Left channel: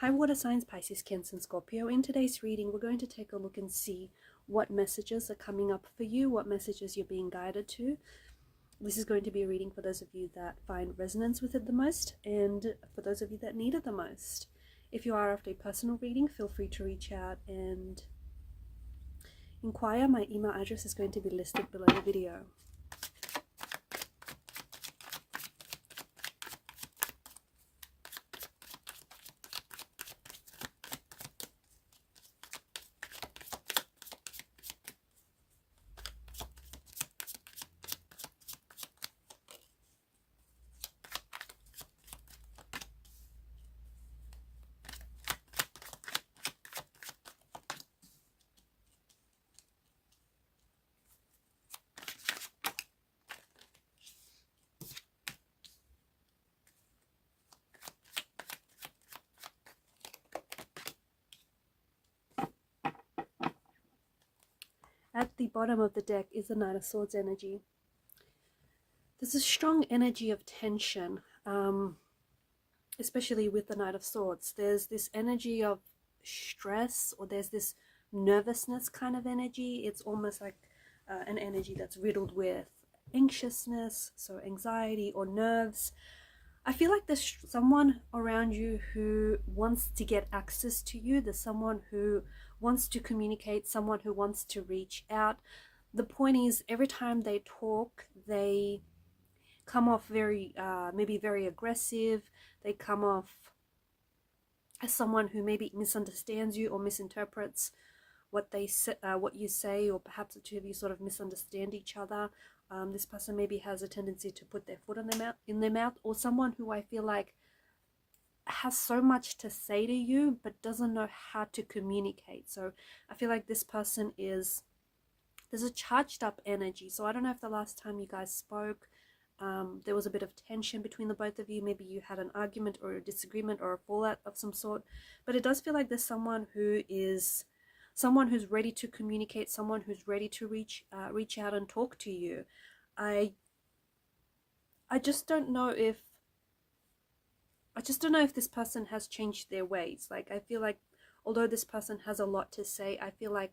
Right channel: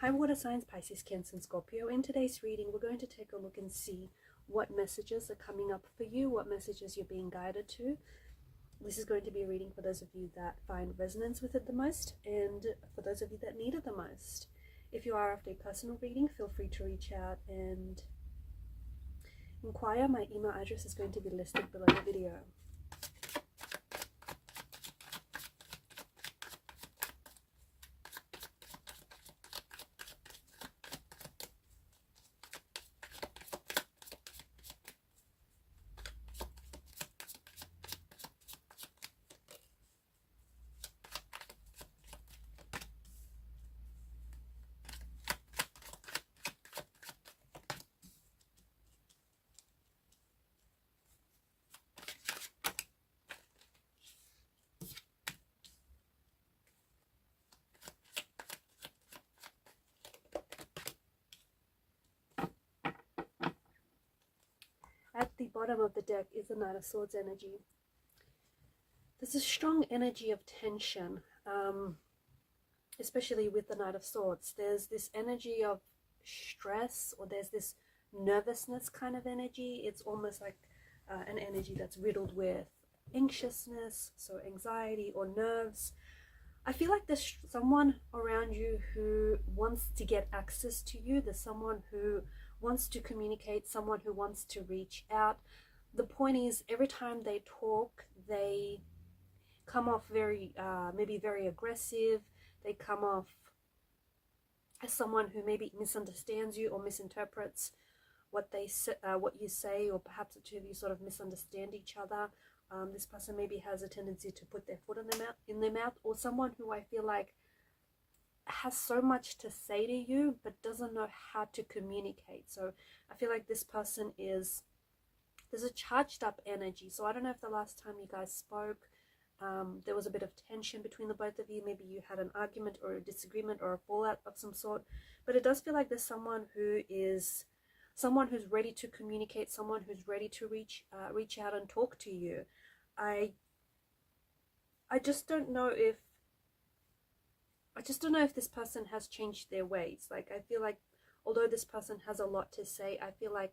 Hi water signs, Pisces, Cancer and Scorpio. In today's reading, we're going to take a look and see what messages are coming up for you, what messages you're being guided to. This is going to be a reading for those of you that find resonance with it the most, and for those of you that need it the most. If you are after a personal reading, feel free to reach out and inquire. My email address is going to be listed below the video. At the bottom of the deck is the Knight of Swords energy. There's a strong energy of tension, especially with the Knight of Swords. There's this energy of stress, or there's this nervousness kind of energy. It's almost like an energy that's riddled with anxiousness, so anxiety or nerves. I feel like there's someone around you who wants to get access to you. There's someone who wants to communicate, someone who wants to reach out. The point is, every time they talk, they come off very, maybe very aggressive. They come off as someone who maybe misunderstands you or misinterprets what they say, what you say, or perhaps the two of you sort of misunderstand each other. This person maybe has a tendency to put their foot in their mouth, or someone who I feel like has so much to say to you but doesn't know how to communicate. So I feel like this person is, there's a charged up energy. So I don't know if the last time you guys spoke, there was a bit of tension between the both of you. Maybe you had an argument or a disagreement or a fallout of some sort, but it does feel like there's someone who's ready to communicate, someone who's ready to reach out and talk to you. I just don't know if this person has changed their ways. Like, I feel like although this person has a lot to say, I feel like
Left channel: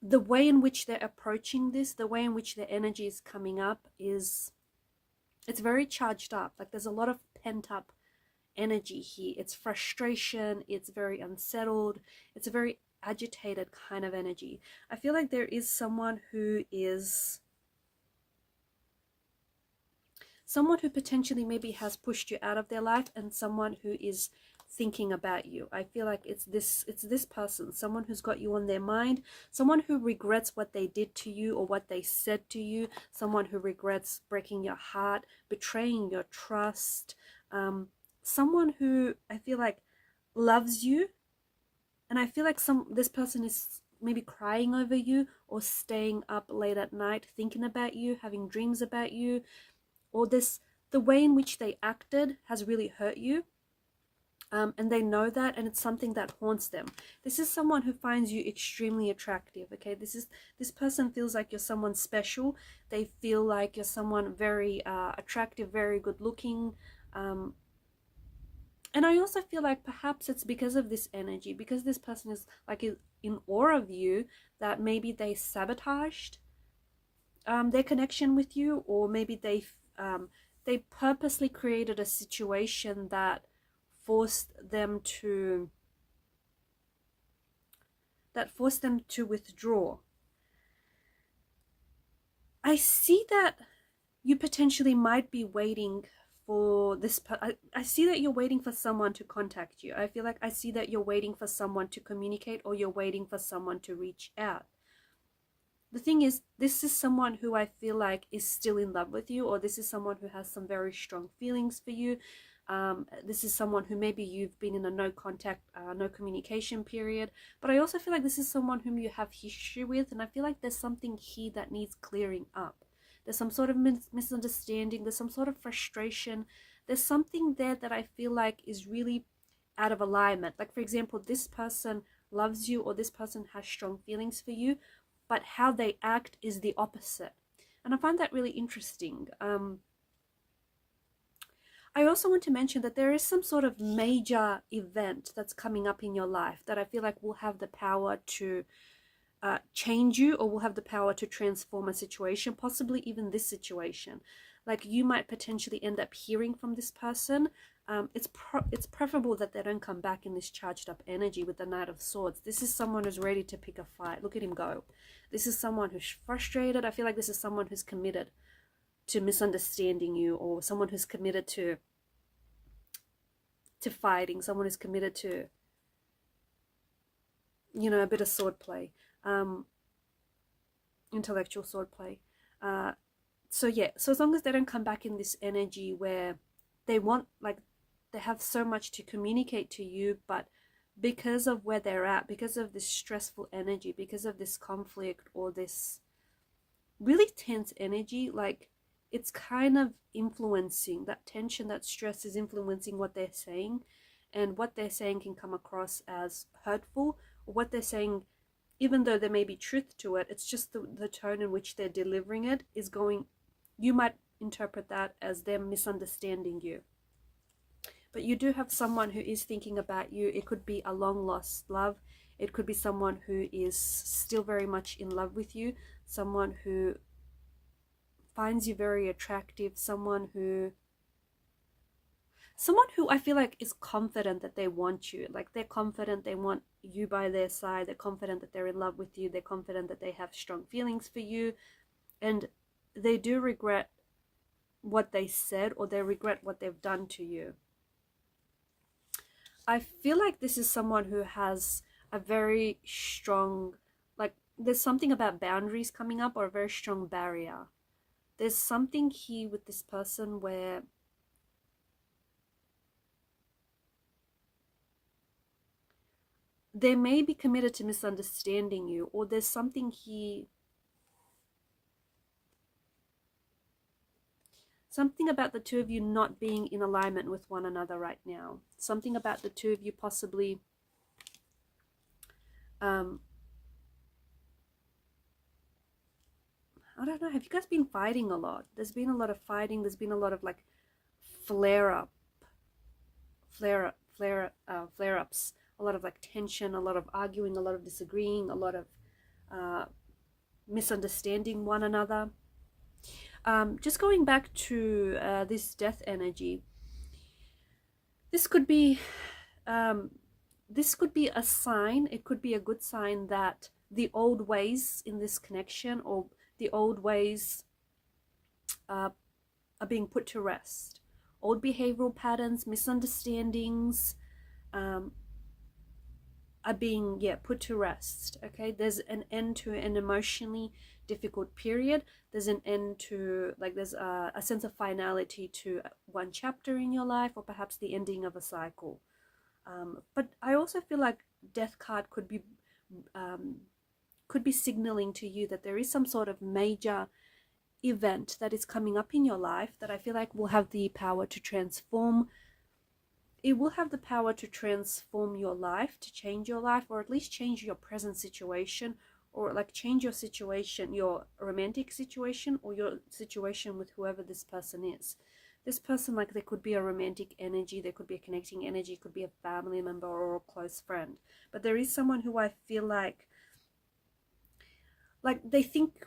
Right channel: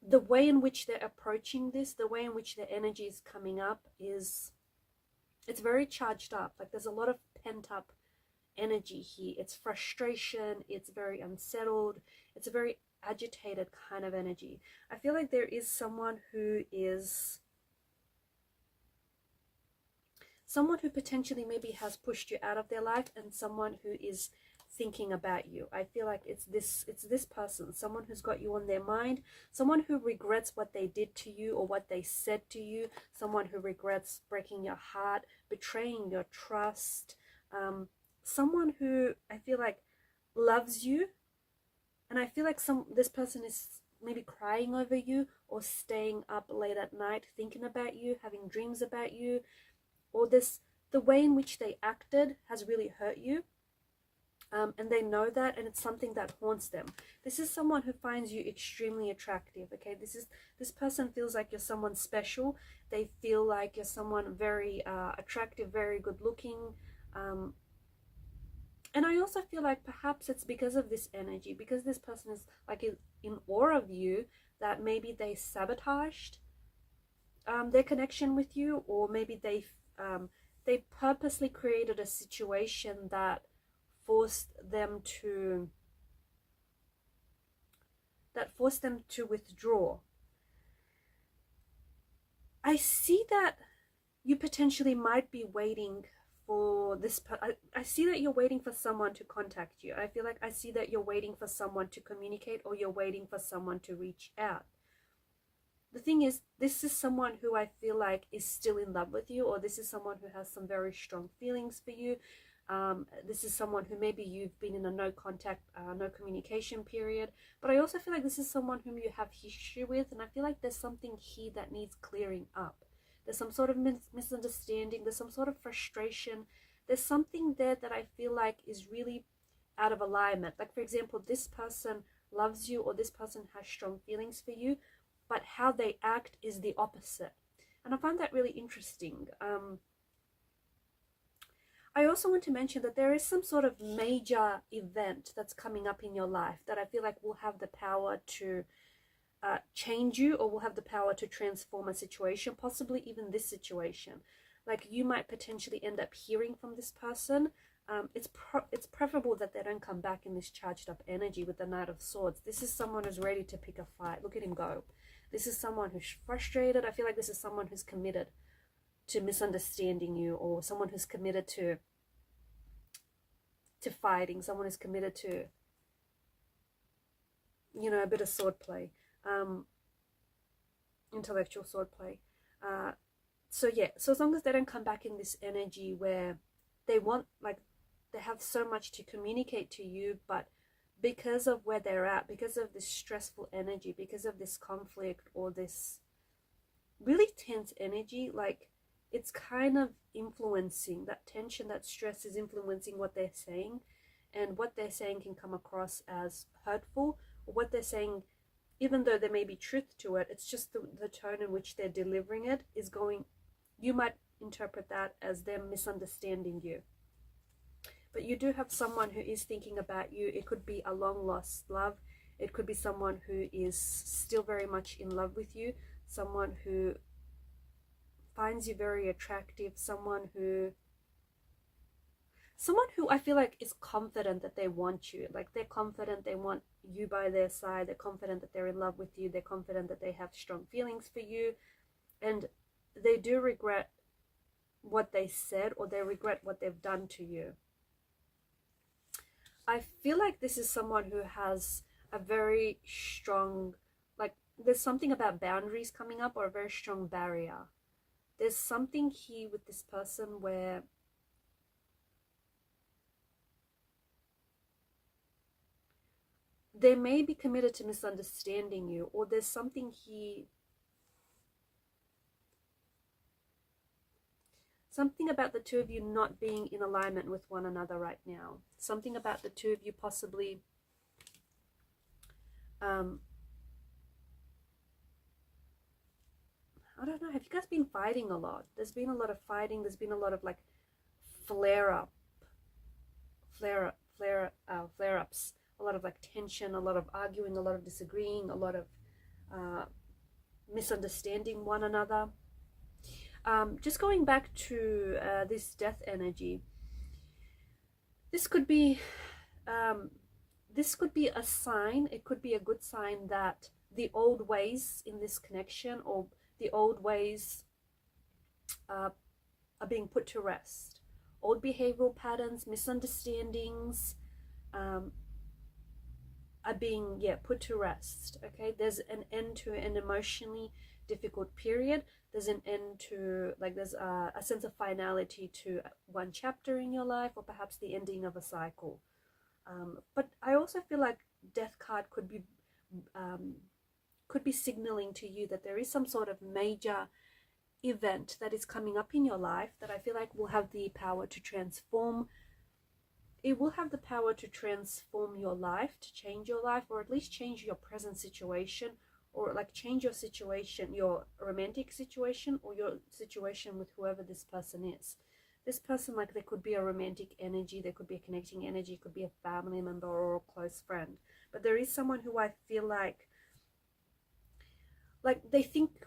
the way in which they're approaching this, the way in which their energy is coming up it's very charged up. Like, there's a lot of pent up energy here. It's frustration, it's very unsettled, it's a very agitated kind of energy. I feel like there is someone who potentially maybe has pushed you out of their life, and someone who is thinking about you. I feel like it's this person, someone who's got you on their mind, someone who regrets what they did to you or what they said to you, someone who regrets breaking your heart, betraying your trust, someone who I feel like loves you. And I feel like this person is maybe crying over you, or staying up late at night thinking about you, having dreams about you, or the way in which they acted has really hurt you, and they know that, and it's something that haunts them. This is someone who finds you extremely attractive. Okay, this person feels like you're someone special. They feel like you're someone very attractive, very good looking, and I also feel like perhaps it's because of this energy, because this person is like in awe of you, that maybe they sabotaged their connection with you, or maybe they purposely created a situation that forced them to withdraw. I see that you potentially might be waiting for this. I see that you're waiting for someone to contact you. I feel like I see that you're waiting for someone to communicate, or you're waiting for someone to reach out. The thing is, this is someone who I feel like is still in love with you, or this is someone who has some very strong feelings for you. This is someone who maybe you've been in a no contact, no communication period. But I also feel like this is someone whom you have history with, and I feel like there's something here that needs clearing up. There's some sort of misunderstanding. There's some sort of frustration. There's something there that I feel like is really out of alignment. Like, for example, this person loves you, or this person has strong feelings for you, but how they act is the opposite. And I find that really interesting. I also want to mention that there is some sort of major event that's coming up in your life that I feel like will have the power to change you, or will have the power to transform a situation, possibly even this situation. Like you might potentially end up hearing from this person. It's preferable that they don't come back in this charged up energy with the Knight of Swords. This is someone who's ready to pick a fight. Look at him go. This is someone who's frustrated. I feel like this is someone who's committed to misunderstanding you, or someone who's committed to fighting, someone who's committed to, you know, a bit of swordplay, intellectual swordplay. So yeah, so as long as they don't come back in this energy where they want, like, they have so much to communicate to you, but because of where they're at, because of this stressful energy, because of this conflict or this really tense energy, like, it's kind of influencing, that tension, that stress is influencing what they're saying, and what they're saying can come across as hurtful, or what they're saying, even though there may be truth to it, it's just the tone in which they're delivering it is going, you might interpret that as them misunderstanding you. But you do have someone who is thinking about you. It could be a long lost love. It could be someone who is still very much in love with you, someone who finds you very attractive, someone who I feel like is confident that they want you. Like, they're confident they want you by their side. They're confident that they're in love with you. They're confident that they have strong feelings for you. And they do regret what they said, or they regret what they've done to you. I feel like this is someone who has a very strong, like, there's something about boundaries coming up, or a very strong barrier. There's something here with this person where they may be committed to misunderstanding you, or there's something here, something about the two of you not being in alignment with one another right now. Something about the two of you possibly I don't know, have you guys been fighting a lot? There's been a lot of fighting. There's been a lot of, like, flare-ups, a lot of, like, tension, a lot of arguing, a lot of disagreeing, a lot of misunderstanding one another. Just going back to this death energy, this could be a sign. It could be a good sign that the old ways in this connection, or the old ways are being put to rest. Old behavioral patterns, misunderstandings are being put to rest. Okay, there's an end to an emotionally difficult period. There's an end to, like, there's a sense of finality to one chapter in your life, or perhaps the ending of a cycle. But I also feel like Death card could be signaling to you that there is some sort of major event that is coming up in your life that I feel like will have the power to transform. It will have the power to transform your life, to change your life, or at least change your present situation, or, like, change your situation, your romantic situation, or your situation with whoever this person is. This person, like, there could be a romantic energy, there could be a connecting energy, could be a family member or a close friend. But there is someone who I feel like they think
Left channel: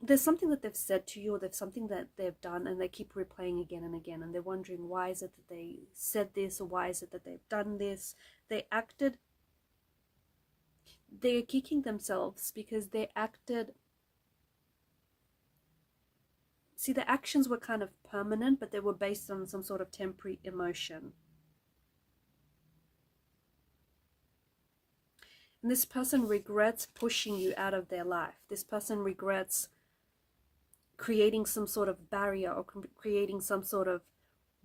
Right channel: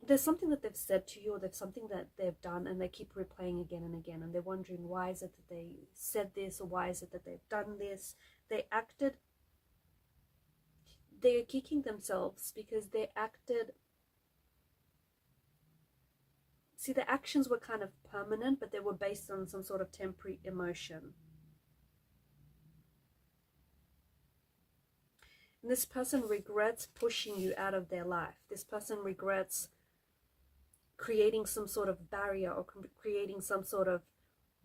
there's something that they've said to you, or there's something that they've done, and they keep replaying again and again, and they're wondering, why is it that they said this, or why is it that they've done this? They're kicking themselves because they acted. See, the actions were kind of permanent, but they were based on some sort of temporary emotion. And this person regrets pushing you out of their life. This person regrets creating some sort of barrier, or creating some sort of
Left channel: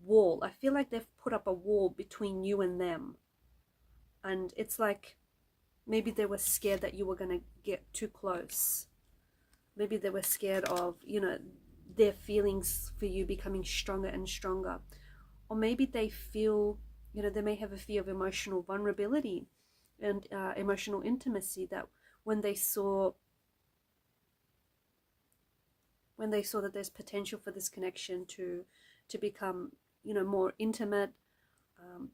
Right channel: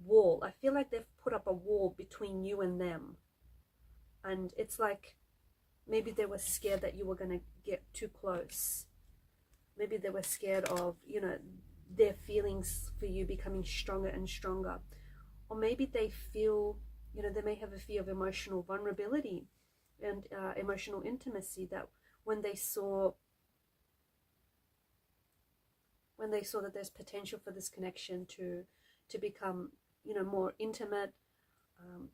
wall. I feel like they've put up a wall between you and them. And it's like, maybe they were scared that you were going to get too close. Maybe they were scared of, their feelings for you becoming stronger and stronger. Or maybe they feel, they may have a fear of emotional vulnerability and emotional intimacy, that when they saw that there's potential for this connection to become you know, more intimate,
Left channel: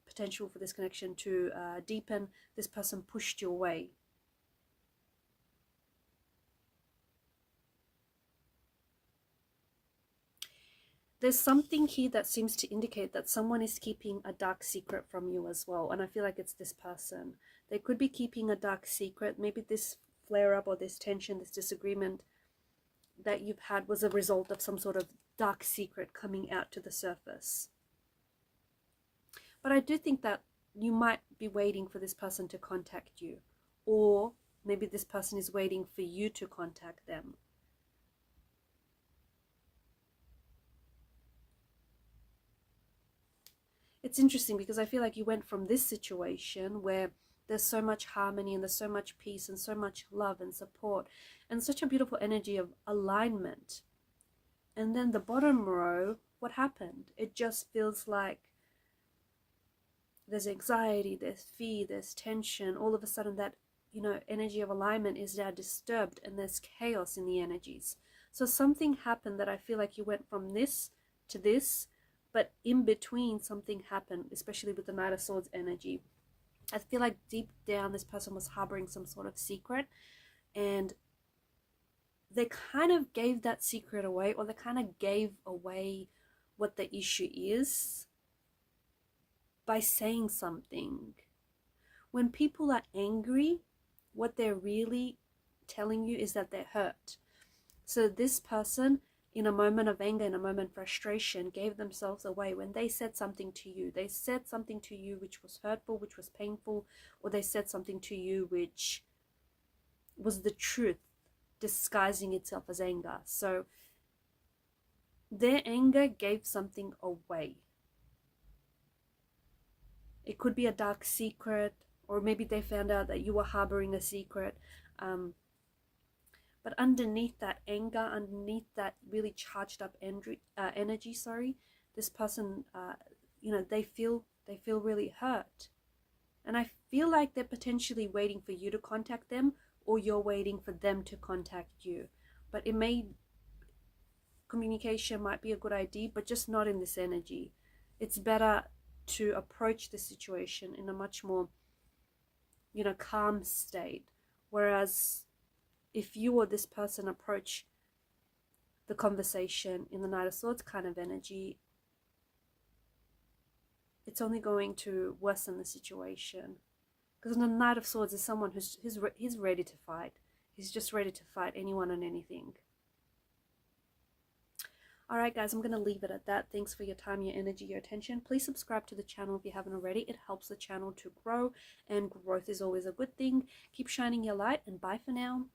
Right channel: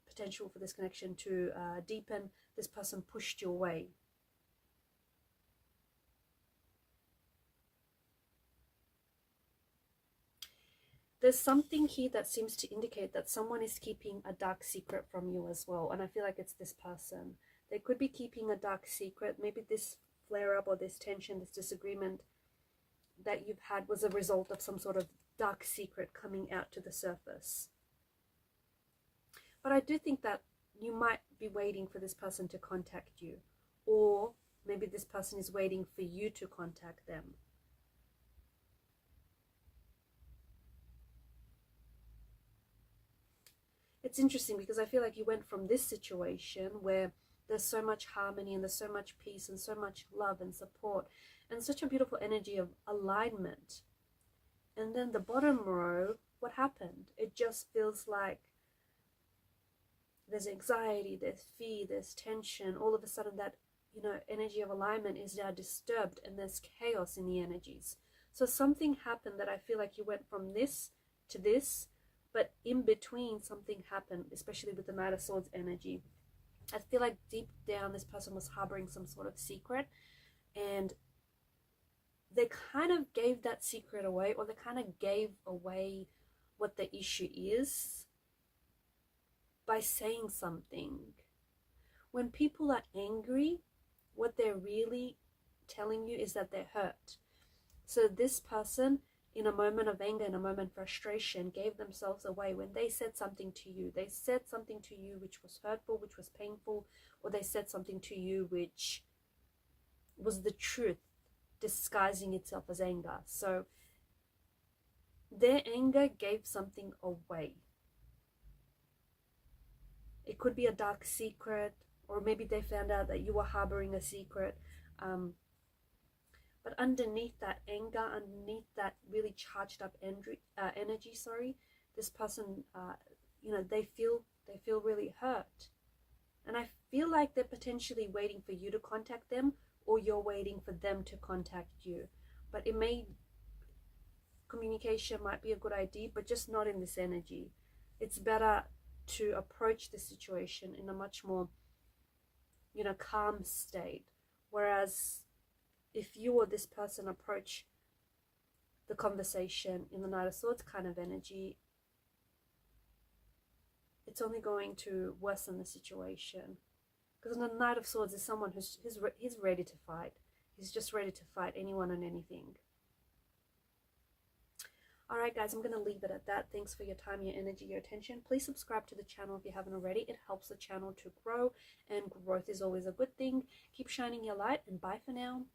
potential for this connection to deepen, this person pushed you away. There's something here that seems to indicate that someone is keeping a dark secret from you as well. And I feel like it's this person. They could be keeping a dark secret. Maybe this flare up or this tension, this disagreement that you've had was a result of some sort of dark secret coming out to the surface. But I do think that you might be waiting for this person to contact you. Or maybe this person is waiting for you to contact them. It's interesting because I feel like you went from this situation where there's so much harmony and there's so much peace and so much love and support and such a beautiful energy of alignment. And then the bottom row, what happened? It just feels like there's anxiety, there's fear, there's tension. All of a sudden that, you know, energy of alignment is now disturbed and there's chaos in the energies. So something happened that I feel like you went from this to this, but in between something happened, especially with the Knight of Swords energy. I feel like deep down this person was harboring some sort of secret, and they kind of gave that secret away, or they kind of gave away what the issue is by saying something. When people are angry, what they're really telling you is that they're hurt. So this person, in a moment of anger, in a moment of frustration, gave themselves away when they said something to you. They said something to you which was hurtful, which was painful, or they said something to you which was the truth disguising itself as anger. So their anger gave something away. It could be a dark secret, or maybe they found out that you were harboring a secret. But underneath that anger, underneath that really charged up energy, this person, you know, they feel really hurt. And I feel like they're potentially waiting for you to contact them, or you're waiting for them to contact you. But communication might be a good idea, but just not in this energy. It's better to approach the situation in a much more, you know, calm state. Whereas if you or this person approach the conversation in the Knight of Swords kind of energy, it's only going to worsen the situation. Because the Knight of Swords is someone he's ready to fight. He's just ready to fight anyone and anything. Alright guys, I'm going to leave it at that. Thanks for your time, your energy, your attention. Please subscribe to the channel if you haven't already. It helps the channel to grow, and growth is always a good thing. Keep shining your light, and bye for now.